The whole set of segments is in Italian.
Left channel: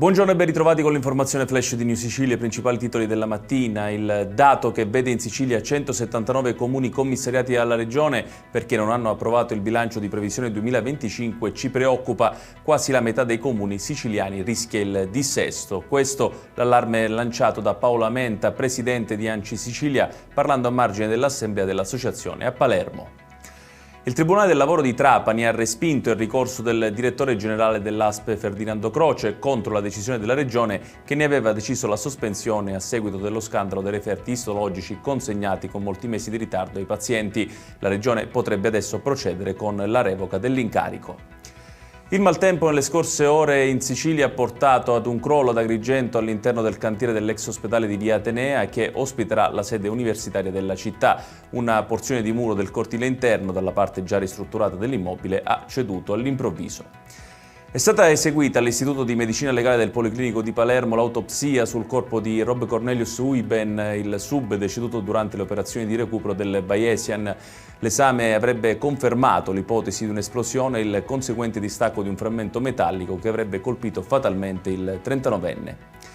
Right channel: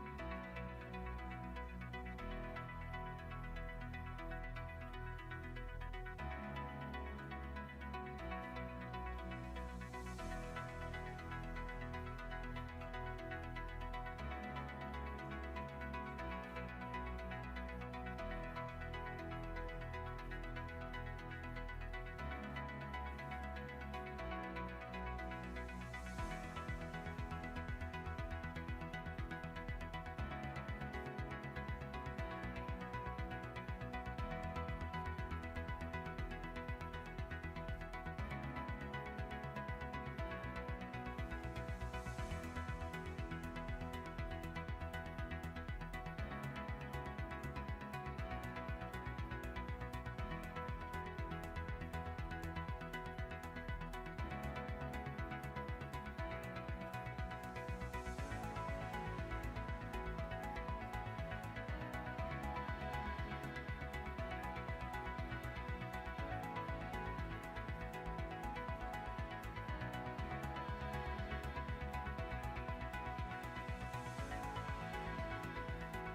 Buongiorno e ben ritrovati con l'informazione flash di New Sicilia, i principali titoli della mattina. Il dato che vede in Sicilia 179 comuni commissariati alla Regione perché non hanno approvato il bilancio di previsione 2025 ci preoccupa. Quasi la metà dei comuni siciliani rischia il dissesto. Questo l'allarme lanciato da Paola Menta, presidente di ANCI Sicilia, parlando a margine dell'assemblea dell'associazione a Palermo. Il Tribunale del Lavoro di Trapani ha respinto il ricorso del direttore generale dell'ASP Ferdinando Croce contro la decisione della Regione che ne aveva deciso la sospensione a seguito dello scandalo dei referti istologici consegnati con molti mesi di ritardo ai pazienti. La Regione potrebbe adesso procedere con la revoca dell'incarico. Il maltempo nelle scorse ore in Sicilia ha portato ad un crollo ad Agrigento all'interno del cantiere dell'ex ospedale di Via Atenea che ospiterà la sede universitaria della città. Una porzione di muro del cortile interno dalla parte già ristrutturata dell'immobile ha ceduto all'improvviso. È stata eseguita all'Istituto di Medicina Legale del Policlinico di Palermo l'autopsia sul corpo di Rob Cornelius Uiben, il sub deceduto durante le operazioni di recupero del Bayesian. L'esame avrebbe confermato l'ipotesi di un'esplosione e il conseguente distacco di un frammento metallico che avrebbe colpito fatalmente il 39enne.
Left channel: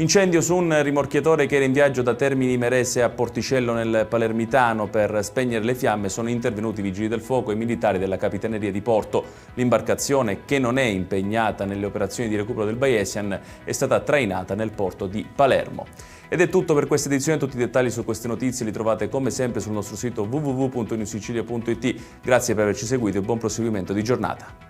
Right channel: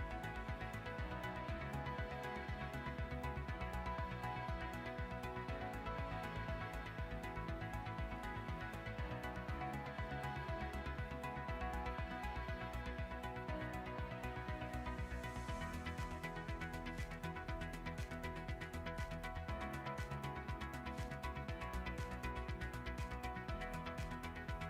Incendio su un rimorchiatore che era in viaggio da Termini Imerese a Porticello nel Palermitano. Per spegnere le fiamme sono intervenuti i vigili del fuoco e i militari della Capitaneria di Porto. L'imbarcazione, che non è impegnata nelle operazioni di recupero del Bayesian, è stata trainata nel porto di Palermo. Ed è tutto per questa edizione. Tutti i dettagli su queste notizie li trovate come sempre sul nostro sito www.newsicilia.it. Grazie per averci seguito e buon proseguimento di giornata.